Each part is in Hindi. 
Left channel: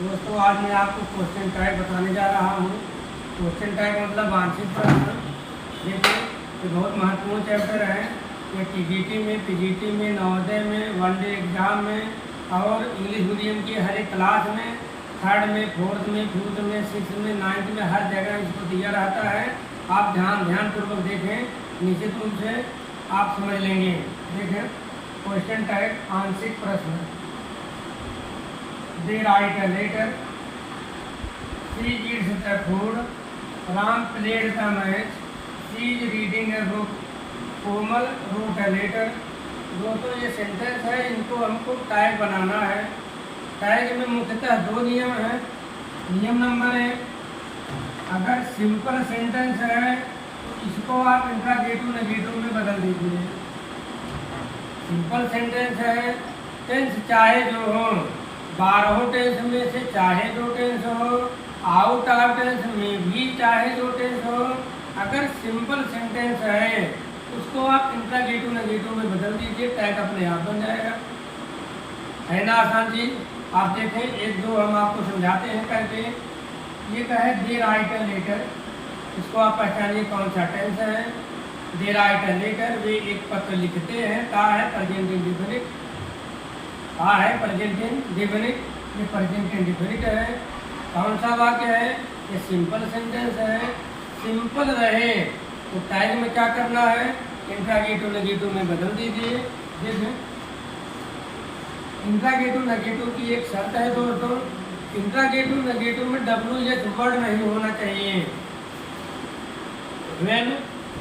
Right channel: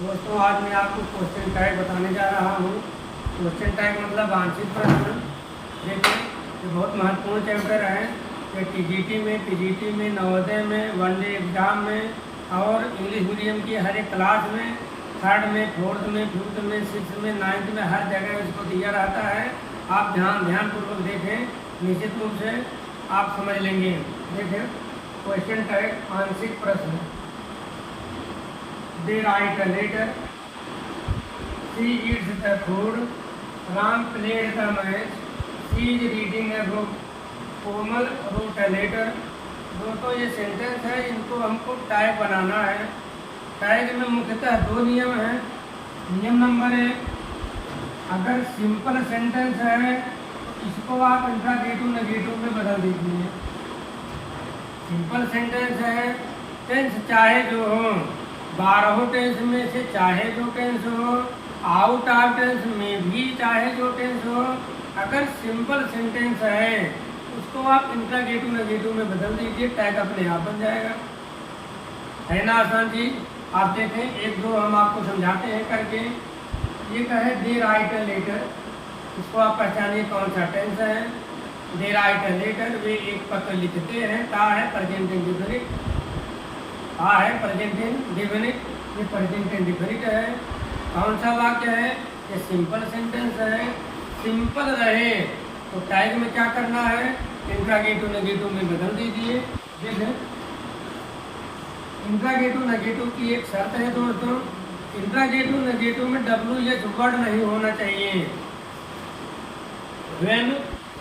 दोस्तों आज मैं आपको क्वेश्चन टैग बताने जा रहा हूँ। क्वेश्चन टैग मतलब आंशिक प्रश्न। देखिए ये बहुत महत्वपूर्ण चैप्टर है। ये टीजीटी में, पीजीटी में, नवोदय में, वनडे एग्जाम में और इंग्लिश मीडियम की हर एक क्लास में, थर्ड में, फोर्थ में, फिफ्थ में, सिक्स में, नाइन्थ में, हर जगह इसको दिया रहता है। आप ध्यानपूर्वक देखें, निश्चित रूप से आप समझ लेंगे। देखें क्वेश्चन टैग आंशिक प्रश्न। They write a letter. She eats the food. Ram played the match. She is reading a book. Komal wrote a letter. दोस्तों ये सेंटेंस है, इनको हमको टैग बनाना है। टैग में मुख्यतः दो नियम हैं। नियम नंबर 1, अगर सिंपल सेंटेंस है तो इसको आप इंट्रागेटिव नेगेटिव में बदल दीजिए। सिंपल सेंटेंस है, टेंस चाहे जो हो, 12 टेंस में से चाहे जो टेंस हो, आउट ऑफ टेंस में भी चाहे जो टेंस हो, अगर सिंपल सेंटेंस है उसको आप इंट्रागेटिव नेगेटिव में बदल दीजिए, टैग अपने आप बन जाएगा। है ना आसान चीज। आप देखें, एक दो हम आपको समझाते हैं करके। ये कहे दे राइट अ लेटर, इसको आप पहचानिए कौन सा टेंस है। दे राइट अ लेटर, वे एक पत्र लिखते हैं। ता है प्रेजेंट इंडेफिनिट, आ है प्रेजेंट इंडेफिनिट, ये प्रेजेंट इंडेफिनिट है। कौन सा वाक्य है? ये सिंपल सेंटेंस है। सिंपल रहे तो टैग में क्या करना है? इंट्रागेटिव नेगेटिव में बदल दीजिए। देखें, इंट्रागेटिव नेगेटिव की एक शर्त है दोस्तों, इंट्रागेटिव नेगेटिव में WH वर्ड नहीं होना चाहिए। When,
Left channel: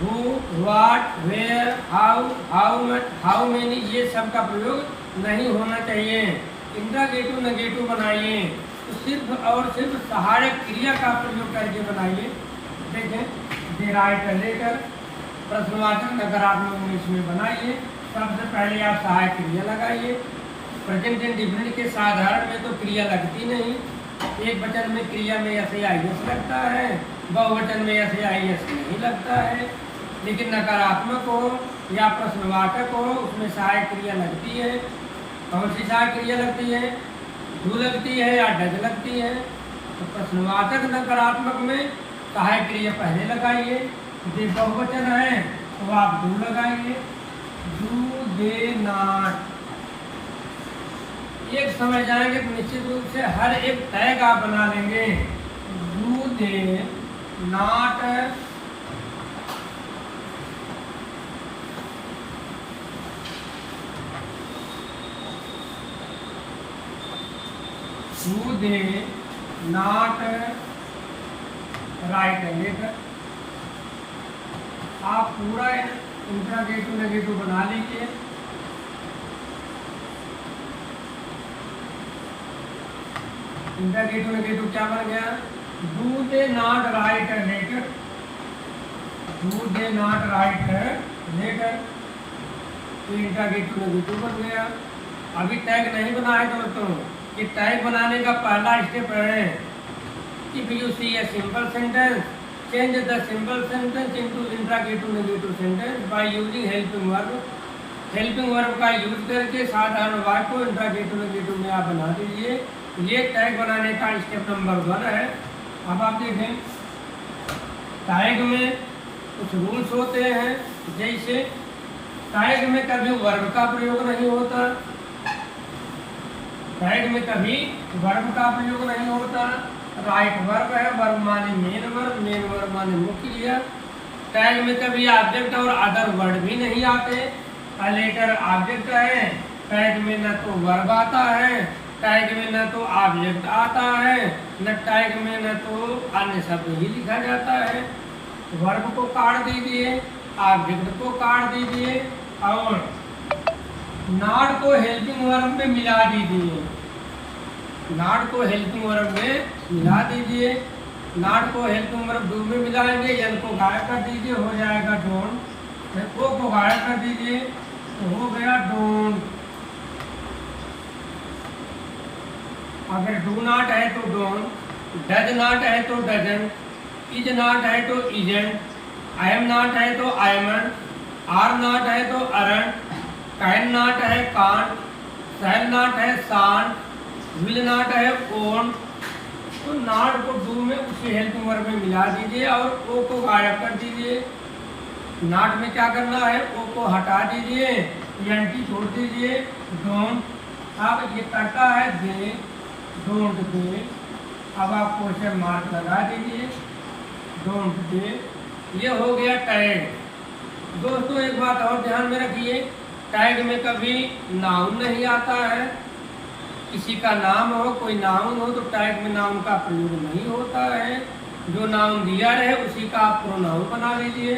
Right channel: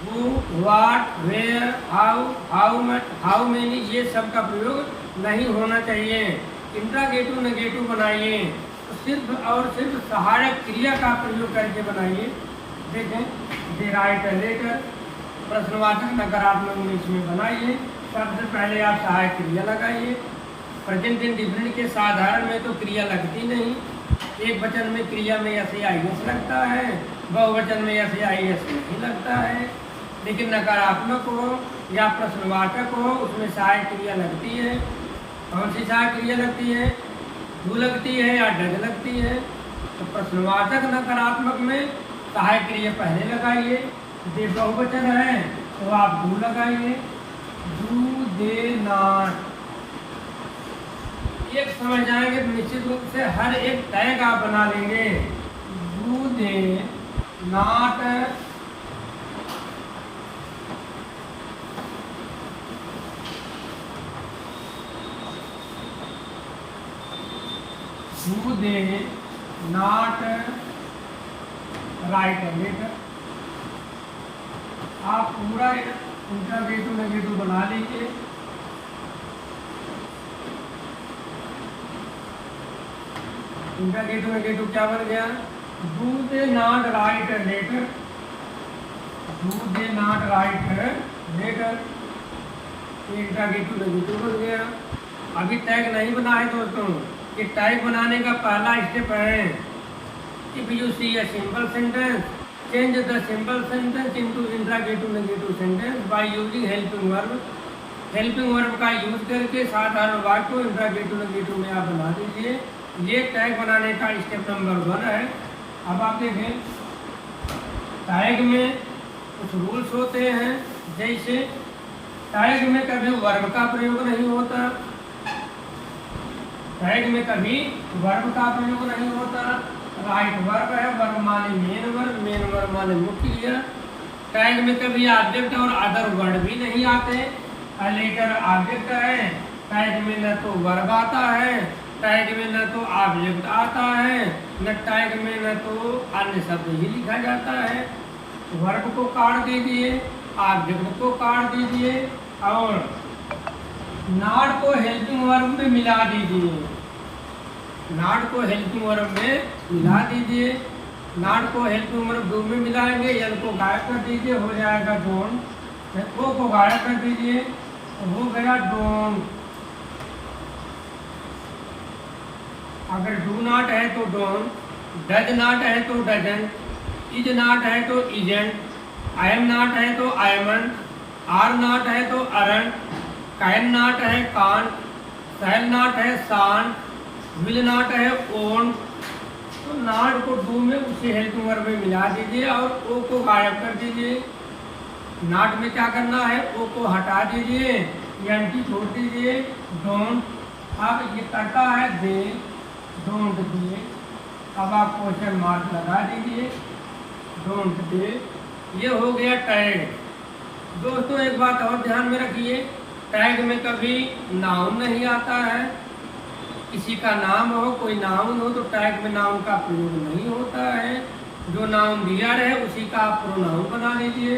who, what, where, how many, ये सब का प्रयोग नहीं होना चाहिए। इंट्रागेटिव नेगेटिव बनाइए तो सिर्फ और सिर्फ सहायक क्रिया का प्रयोग करके बनाइए। देखें, दे राइट अ लेटर, प्रश्नवाचक नकारात्मक में इसमें बनाइए। सबसे पहले आप सहायक क्रिया लगाइए। प्रेजेंट इंडेफिनिट के साधारण में तो क्रिया लगती नहीं। एक वचन में क्रिया में SAIS लगता है, बहुवचन में SAIS नहीं लगता है। लेकिन नकारात्मक हो या प्रश्नवाचक हो उसमें सहायक क्रिया लगती है। कौन सी सहायक क्रिया लगती है? डू लगती है या डज लगती है। तो प्रश्नवाचक नकारात्मक में सहायक क्रिया पहले लगाइए। दे बहुवचन है तो आप डू लगाइए। डू दे नॉट, एक समझ जाएंगे तो निश्चित रूप से हर एक टैग आप बना लेंगे। Do they not, do they not write a letter. आप पूरा इंट्रागेटिव नेगेटिव बना लीजिए। इंट्रागेटिव नेगेटिव क्या बन गया? Do they not write a letter, do they not write a letter, ये इंट्रागेटिव नेगेटिव बन गया। अभी टैग नहीं बना है दोस्तों। ये टैग बनाने का पहला स्टेप है। If you see a simple sentence, change the simple sentence into interrogative negative sentence by using helping verb. Helping verb का यूज करके साधारण वाक्य को इंट्रागेटिव नेगेटिव में आप बना दीजिए। ये टैग बनाने का स्टेप नंबर 1 है। अब आप देखें, टैग में कुछ रूल्स होते हैं। जैसे टैग में कभी वर्ब का प्रयोग नहीं होता, टैग में कभी वर्ब का प्रयोग नहीं होता। राइट वर्ब है, वर्ब माने मेन वर्ब माने मुख्य क्रिया। टैग में कभी ऑब्जेक्ट और अदर वर्ड भी नहीं आते। अ लेटर ऑब्जेक्ट है, टैग में न तो वर्ब आता है, टैग में न तो ऑब्जेक्ट आता है, न टैग में न तो अन्य शब्द ही लिखा जाता है। वर्ब को काट दीजिए, ऑब्जेक्ट को काट दीजिए और नॉट को हेल्पिंग वर्ब में मिला दीजिए। नॉट को हेल्पिंग वर्ब में मिला दीजिए। नॉट को हेल्पिंग वर्ब डू में मिलाएंगे, एल को गायब कर दीजिए, हो जाएगा डोंट। ओ को गायब कर दीजिए तो हो गया डोंट। अगर डू नॉट है तो डोंट, डज नॉट है तो डजंट, इज नॉट है तो इजेंट, आई एम नॉट है तो आई एमंट, आर नॉट है तो अरंट, कैन नॉट है कांट, शैल नॉट है शांट, विल नॉट है ओन, तो नॉट को डू में उसी हेल्पिंग वर्ब में मिला दीजिए और ओ को गायब कर दीजिए। नॉट में क्या करना है, ओ को हटा दीजिए, एनटी छोड़ दीजिए, डोंट। अब ये करता है दे, डोंट दे। अब आप क्वेश्चन मार्क लगा दीजिए, डोंट दे। ये हो गया टैग। दोस्तों एक बात और ध्यान में रखिए, टैग में कभी नाउन नहीं आता है। किसी का नाम हो, कोई नाउन हो तो टैग में नाउन का प्रयोग नहीं होता है। जो नाउन दिया रहे उसी का आप प्रोनाउन बना लीजिए।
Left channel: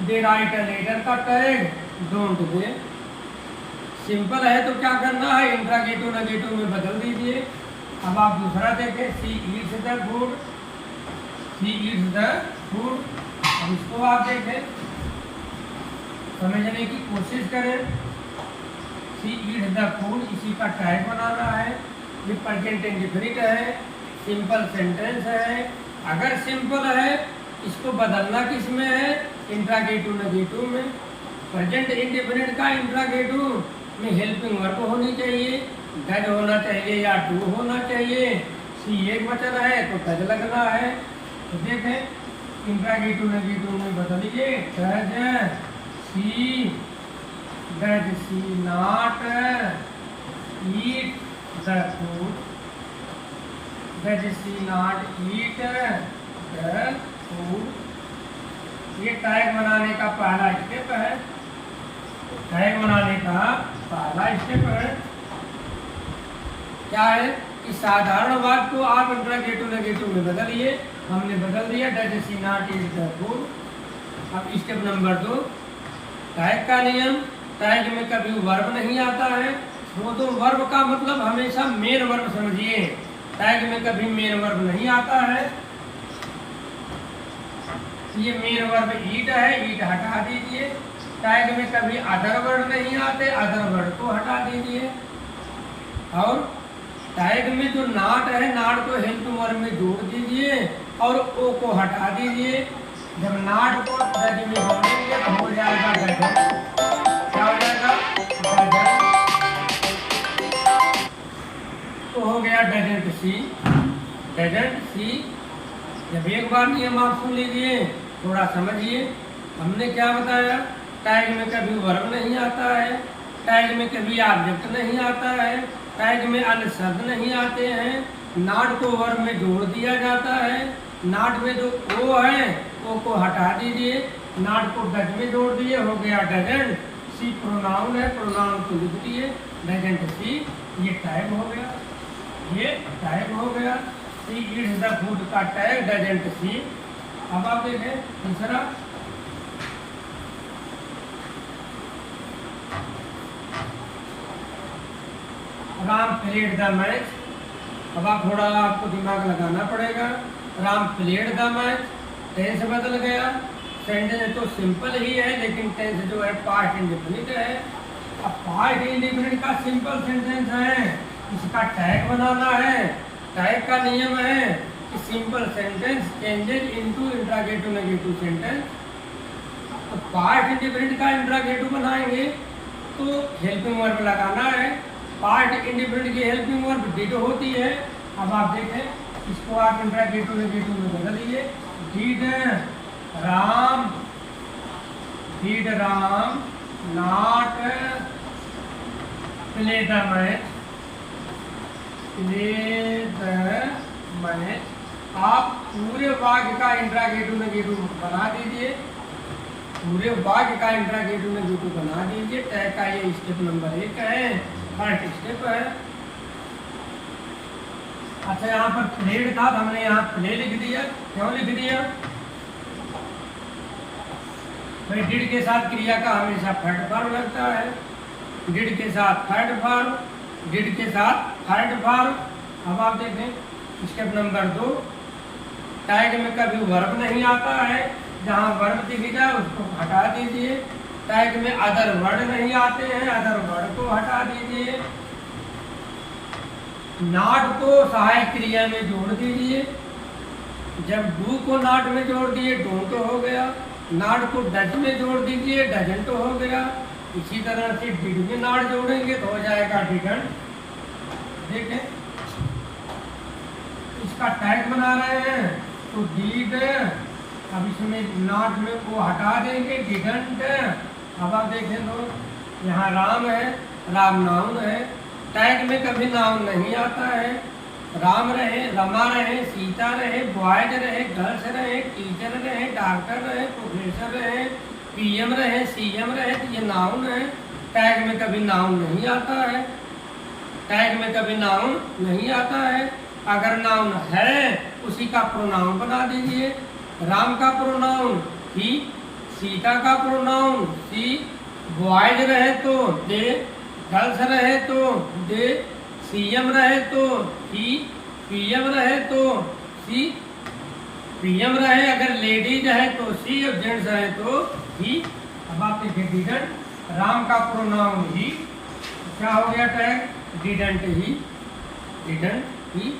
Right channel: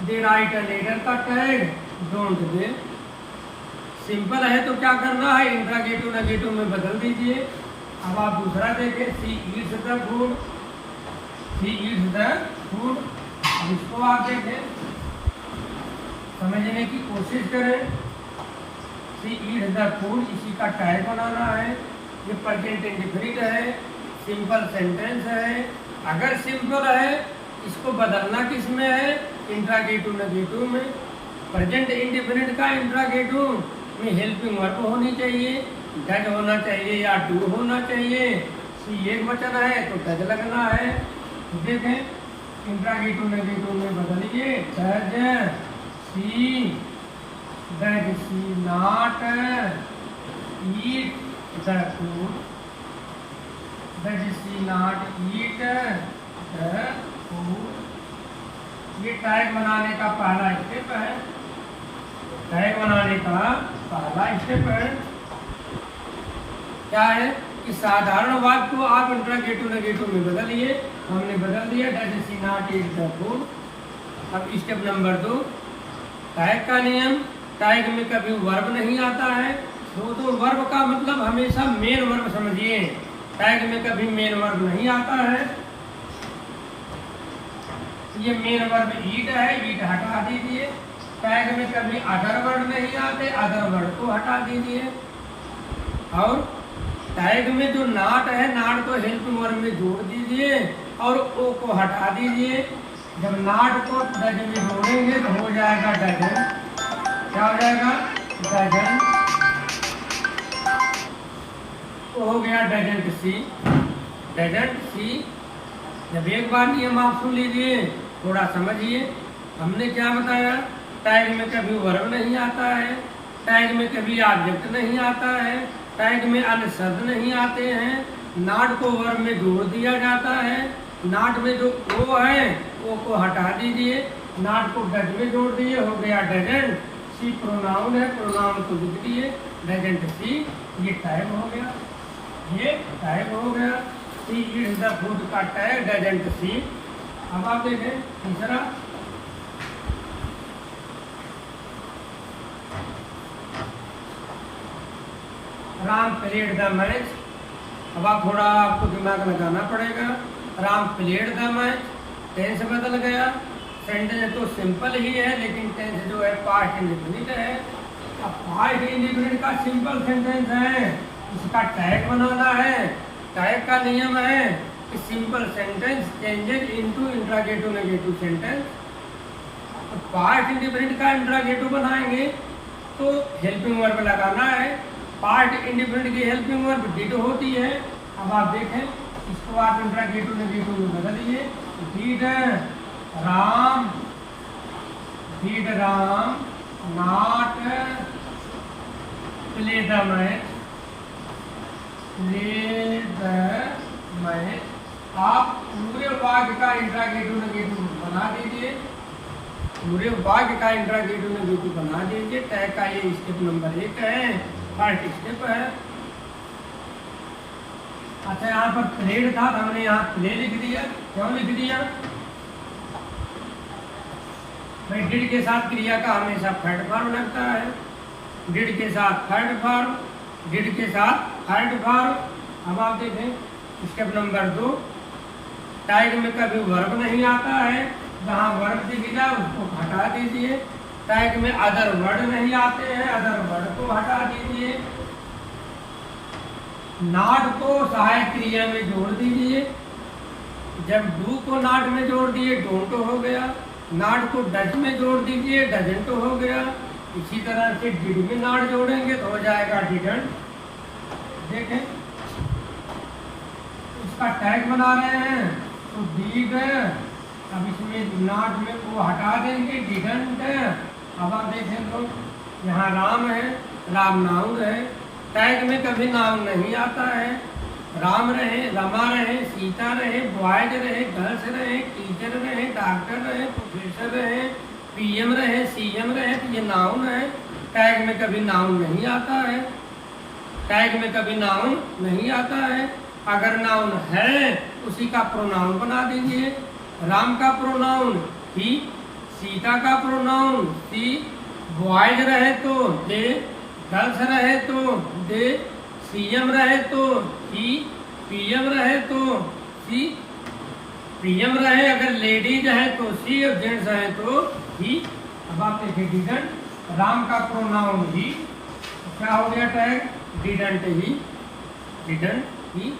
दे राइट अ लेटर का टैग डोंट दे। सिंपल है तो क्या करना है, इंट्रागेटिव नेगेटिव में बदल दीजिए। अब आप दूसरा देखें, she eats the food, she eats the food. अब इसको आप देखें, समझने की कोशिश करें। सी ईट्स द फूड, इसी का टैग बनाना है। ये प्रेजेंट इंडेफिनिट है, सिंपल सेंटेंस है। अगर सिंपल है इसको बदलना किस में है, इंट्रागेटिव नेगेटिव में। प्रेजेंट इंडेफिनिट का इंट्रागेटिव में हेल्पिंग वर्ब होनी चाहिए, डज होना चाहिए या डू होना चाहिए। सी एक वचन है तो डज लगना है। तो देखें इंट्रागेटिव नेगेटिव में बदलिए, does she not eat the food, does she not eat the food. ये टैग बनाने का पहला स्टेप है, टैग बनाने का पहला स्टेप है। क्या है कि साधारण वाक्य को आप इंट्रागेटिव नेगेटिव में बदलिए। हमने बदल दिया, does she not eat the food. अब स्टेप नंबर 2, टैग का नियम। टैग में कभी वर्ब नहीं आता है। दोस्तों वर्ब का मतलब हमेशा मेन वर्ब समझिए। टैग में कभी मेन वर्ब नहीं आता है। ये मेन वर्ब ईट है, ईट हटा दीजिए। टैग में कभी अदर वर्ड नहीं आते, अदर वर्ड को हटा दीजिए। और टैग में जो नॉट है, नॉट को हेल्पिंग वर्ब में जोड़ दीजिए और ओ को हटा दीजिए। जब नॉट को डज में जोड़ेंगे तो हो जाएगा डजन। क्या हो जाएगा, डजन। तो हो गया डजंट सी, डजंट सी। जब एक बार नियम आप सुन लीजिए, थोड़ा समझिए। हमने क्या बताया, टैग में कभी वर्ब नहीं आता है, टैग में कभी ऑब्जेक्ट नहीं आता है, टैग में अन्य शब्द नहीं आते हैं। नॉट को वर्ब में जोड़ दिया जाता है। नॉट में जो ओ है ओ को हटा दीजिए, नॉट को डज में जोड़ दिए, हो गया डजंट सी। प्रोनाउन है, प्रोनाउन को लिख दिए, डजंट सी। ये टैग हो गया, ये टैग हो गया। सी ईट्स द फूड का टैग डजंट सी। अब आप देखें तीसरा, राम प्लेड द मैच। अब आप थोड़ा आपको दिमाग लगाना पड़ेगा। Ram played the match, tense बदल गया। सेंटेंस तो सिंपल ही है लेकिन टेंस जो है पास्ट इंडेफिनिट है। अब पास्ट इंडेफिनिट का सिंपल सेंटेंस है, इसका टैग बनाना है। टैग का नियम है कि simple sentence changes into interrogative negative sentence. तो पास्ट इंडेफिनिट का इंट्रागेटिव बनाएंगे तो हेल्पिंग वर्ब लगाना है। पास्ट इंडेफिनिट की हेल्पिंग वर्ब डिड होती है। अब आप देखें, इसको आप इंट्रागेटिव नेगेटिव में बदलिए। Did Ram, did Ram not play the match, play the match. आप पूरे वाक्य का इंट्रागेटिव नेगेटिव बना दीजिए, पूरे वाक्य का इंट्रागेटिव नेगेटिव बना दीजिए। टैग का ये स्टेप नंबर 1 है, फर्स्ट स्टेप है। अच्छा यहाँ पर प्लेड था तो हमने यहाँ प्ले लिख दिया। क्यों लिख दिया भाई, डिड के साथ क्रिया का हमेशा थर्ड फॉर्म लगता है। डिड के साथ थर्ड फॉर्म, डिड के साथ थर्ड फॉर्म। अब आप देखें स्टेप नंबर 2, टैग में कभी वर्ब नहीं आता है, जहाँ वर्ब दिख जाए उसको हटा दीजिए। टैग में अदर वर्ड नहीं आते हैं, अदर वर्ड को हटा दीजिए। नॉट को सहायक क्रिया में जोड़ दीजिए। जब डू को नॉट में जोड़ दिए डोंट हो गया। नॉट को डज में जोड़ दीजिए, डजंट हो गया। इसी तरह से डिड में नॉट जोड़ेंगे तो हो जाएगा डिडंट। देखें इसका टैग बना रहे हैं तो डिड, अब इसमें नॉट में वो हटा देंगे डिडंट। अब आप देखें लो यहाँ राम है, राम नाउन है, टैग में कभी नाउन नहीं आता है। राम रहे, रमा रहे, सीता रहे, बॉयज रहे, गर्ल्स रहे, टीचर रहे, डॉक्टर रहे, प्रोफेसर रहे, पीएम रहे, सीएम रहे, तो ये नाउन है। टैग में कभी नाउन नहीं आता है, टैग में कभी नाउन नहीं आता है। अगर नाउन है उसी का प्रोनाउन बना दीजिए। राम का प्रोनाउन ही, सीता का प्रोनाउन सी, बॉयज रहे तो दे, गर्ल्स रहे तो दे, सीएम रहे तो ही, पीएम रहे तो सी, पीएम रहे अगर लेडीज है तो सी और जेंट्स है तो ही। अब आप देखिए डिडंट, राम का प्रोनाउन ही, क्या हो गया tag didn't he, didn't he.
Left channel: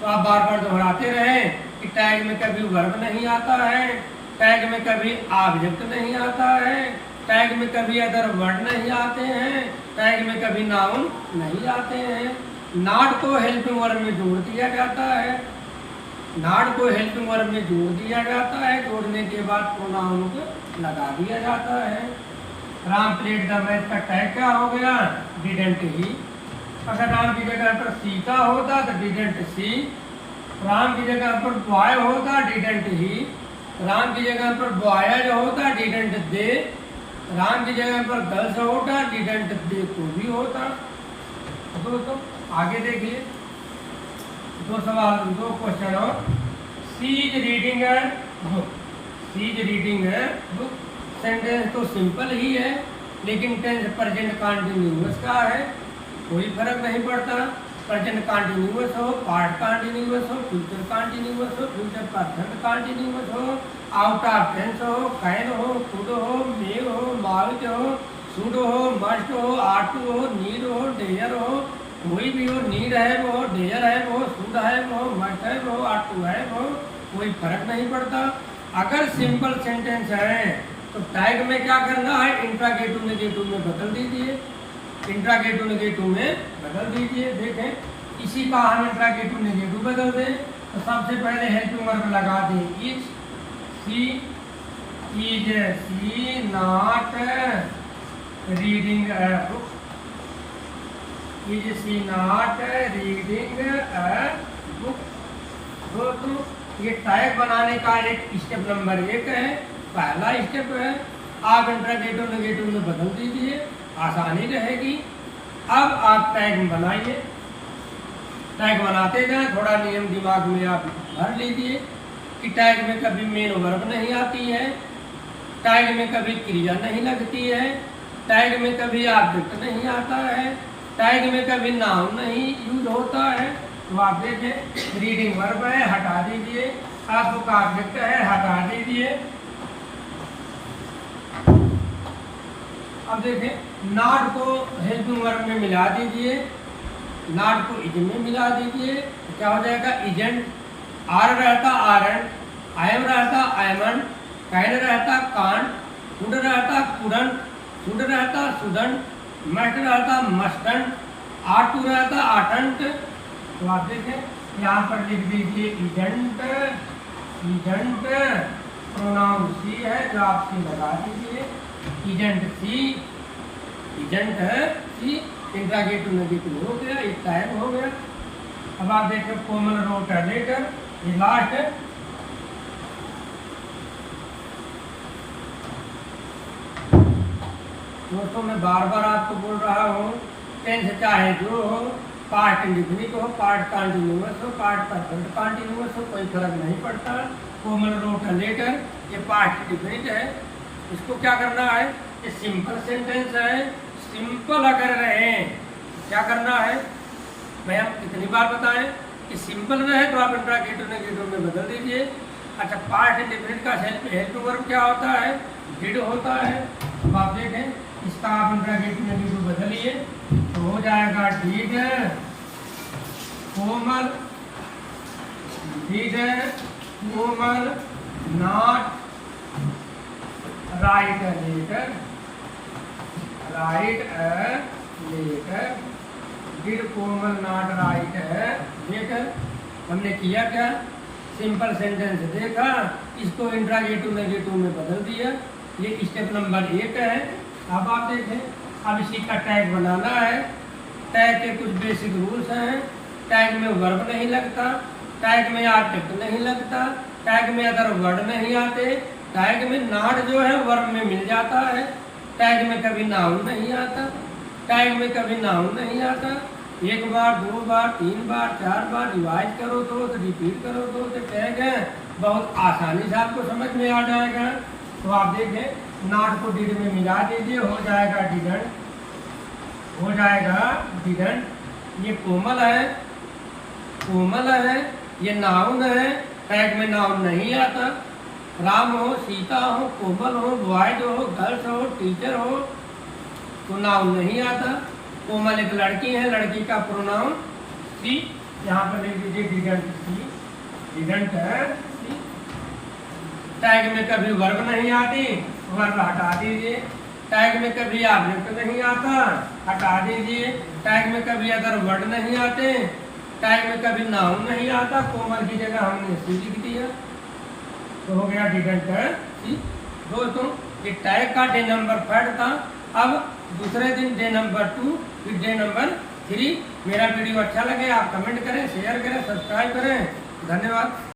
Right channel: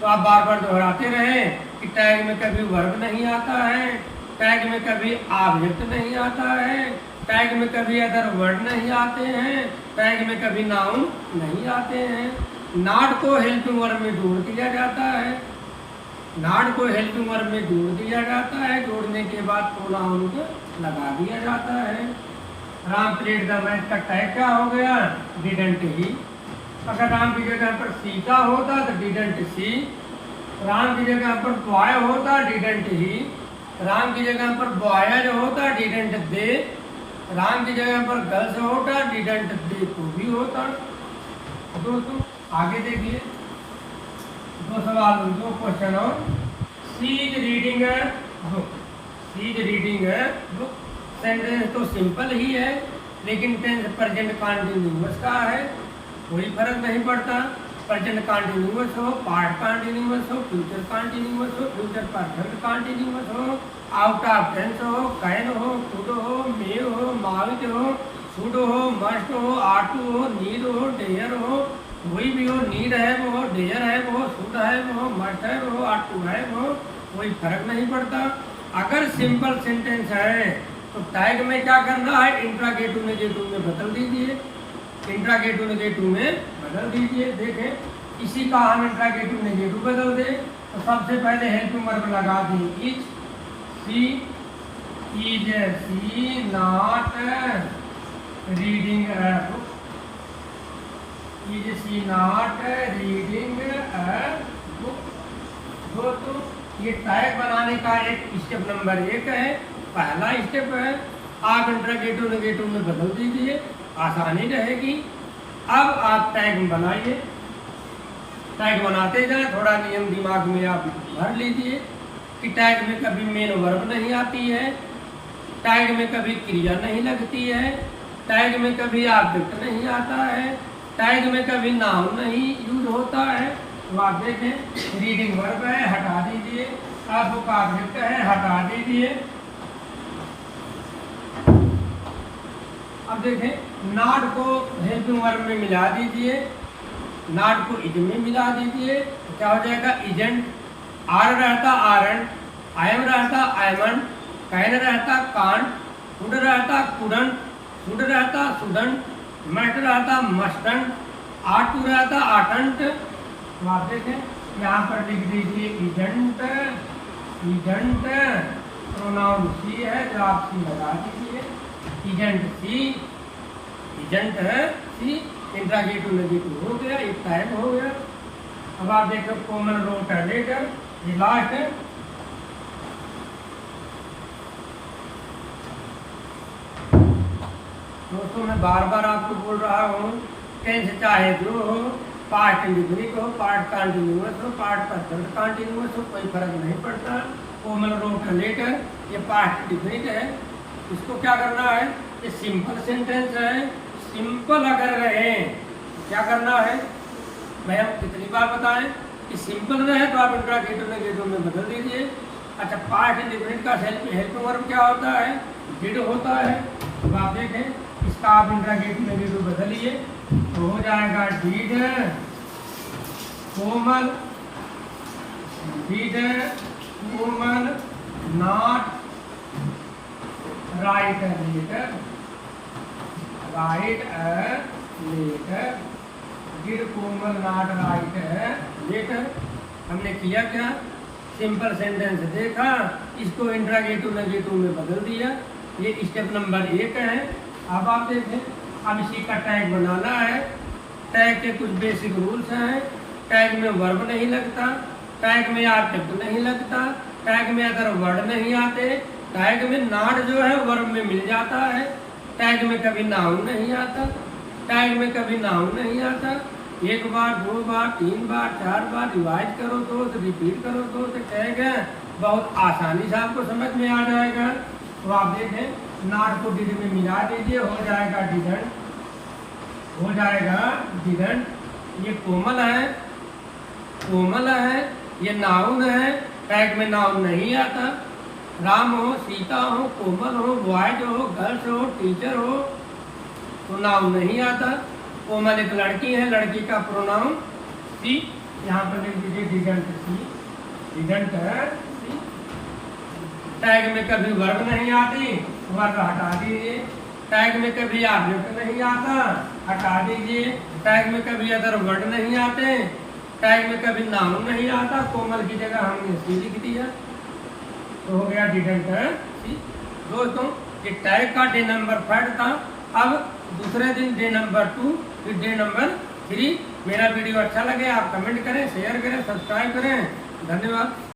तो आप बार बार दोहराते रहे कि टैग में कभी वर्ब नहीं आता है, टैग में कभी ऑब्जेक्ट नहीं आता है, टैग में कभी अदर वर्ड नहीं आते हैं, टैग में कभी नाउन नहीं आते हैं। नॉट को हेल्पिंग वर्ब में जोड़ दिया जाता है, नॉट को हेल्पिंग वर्ब में जोड़ दिया जाता है, जोड़ने के बाद प्रोनाउन को लगा दिया जाता है। राम प्लेड द मैच का टैग क्या हो गया डिडंट ही। अगर राम की जगह पर सीता होता तो डिडंट सी, राम की जगह पर बॉय होता डिडंट ही, राम की जगह पर बॉयज होता डिडंट दे, राम की जगह पर गर्ल्स होता डिडंट दे को भी होता। दोस्तों आगे देखिए, दो सवाल, दो क्वेश्चन और। She is reading a book, she is reading a book. Sentence तो सिंपल ही है लेकिन टेंस प्रेजेंट कंटिन्यूअस का है, कोई फर्क नहीं पड़ता। प्रेजेंट कंटिन्यूअस हो, पास्ट कंटिन्यूअस हो, फ्यूचर कंटिन्यूअस हो, फ्यूचर परफेक्ट कंटिन्यूअस हो, आउट ऑफ टेंस हो, कैन हो, कुड हो, मे हो, माउट हो, शुड हो, मस्ट हो, आर टू हो, नीड हो, डेयर हो, कोई भी हो, नीड है वो, डेयर है वो, शुड है वो, मस्ट है वो, आर टू है वो, कोई फर्क नहीं पड़ता। अगर सिंपल सेंटेंस है तो टैग में क्या करना है, इंट्रागेटिव नेगेटिव में बदल दीजिए, इंट्रागेटिव नेगेटिव में बदल दीजिए। देखें इसी का हम इंट्रागेटिव नेगेटिव बदल दें तो सबसे पहले हेल्पिंग वर्ब लगा दें is, she is she not reading a book, is she not reading a book. दोस्तों ये टैग बनाने का एक स्टेप नंबर 1 है, पहला स्टेप है। आप इंट्रागेटिव नेगेटिव में बदल दीजिए, आसानी रहेगी। अब आप टैग बनाइए, टैग बनाते जाएं, थोड़ा नियम दिमाग में आप भर लीजिए कि टैग में कभी मेन वर्ब नहीं आती है, टैग में कभी क्रिया नहीं लगती है, टैग में कभी ऑब्जेक्ट नहीं आता है, टैग में कभी नाउन नहीं यूज होता है। तो आप देखें रीडिंग वर्ब है, हटा दीजिए, आपका ऑब्जेक्ट है, हटा दीजिए। अब देखें नॉट को हेल्पिंग वर्ब में मिला दीजिए, नॉट को इज में मिला दीजिए तो क्या हो जाएगा इजेंट। आर रहता आरन, आयम रहता आयमन, कैन रहता कांट, कुड रहता कुडंट, शुड रहता शुडंट, मस्ट रहता मस्टंट, आट टू रहता आटंट। तो आप देखें यहाँ पर लिख दीजिए इजेंट, इजेंट प्रोनाउन सी है तो आप सी लगा दीजिए, इजेंट सी, इजेंट है सी। इंट्रागेटिव नेगेटिव हो गया, एक टाइप हो गया। अब आप देखो कॉमन रोट लेटर, ये लास्ट है। दोस्तों मैं बार बार आपको बोल रहा हूँ टेंस चाहे जो हो, पास्ट इंडिफिनिट हो, पास्ट कंटिन्यूअस हो, पास्ट परफेक्ट कंटिन्यूअस हो, कोई फर्क नहीं पड़ता। कॉमन रोट लेटर ये पास्ट इंडिफिनिट है, इसको क्या करना है, ये सिंपल सेंटेंस है, सिंपल अगर रहे क्या करना है भाई, हम कितनी बार बताएं कि सिंपल रहे तो आप इंट्रागेटिव नेगेटिव में बदल दीजिए। अच्छा पास्ट इंडिफिनिट का हेल्पिंग वर्ब क्या होता है, डिड होता है। अब आप देखें इसका आप इंट्रागेटिव नेगेटिव बदलिए तो हो जाएगा did Komal, did Komal not write a letter, write a letter, did Komal not write a letter. हमने किया क्या, सिंपल सेंटेंस देखा, इसको इंट्रागेटिव नेगेटिव में बदल दिया। ये स्टेप नंबर 1 है। अब आप देखें, अब इसी का टैग बनाना है। टैग के कुछ बेसिक रूल्स हैं। टैग में वर्ब नहीं लगता, टैग में आर्टिकल नहीं लगता, टैग में अदर वर्ड नहीं आते, टैग में नॉट जो है वर्ब में मिल जाता है, टैग में कभी नाउन नहीं आता, टैग में कभी नाउन नहीं आता। 1 बार 2 बार 3 बार 4 बार रिवाइज करो तो रिपीट करो तो टैग है, बहुत आसानी से आपको समझ में आ जाएगा। तो आप देखें, नॉट को डिड में मिला दीजिए, हो जाएगा डिडंट, हो जाएगा डिडंट। ये कोमल है, कोमल है, ये नाउन है, टैग में नाउन नहीं आता। राम हो, सीता हो, कोमल हो, बॉयज हो, गर्ल्स हो, टीचर हो, तो नाउन नहीं आता। कोमल एक लड़की है, लड़की का प्रोनाउन सी, यहाँ पर लिख दीजिए डिडंट सी, डिडंट है सी। टैग में कभी वर्ब नहीं आती, वर्ब हटा दीजिए। टैग में कभी ऑब्जेक्ट नहीं आता, हटा दीजिए। टैग में कभी अदर वर्ड नहीं आते, टैग में कभी नाउन नहीं आता, कोमल की जगह हमने सी लिख दिया, तो हो गया डिडंट सी। दोस्तों, ये टैग का डे नंबर 5 था। अब दूसरे दिन डे नंबर 2, फिर डे नंबर 3। मेरा वीडियो अच्छा लगे आप कमेंट करें, शेयर करें, सब्सक्राइब करें। धन्यवाद।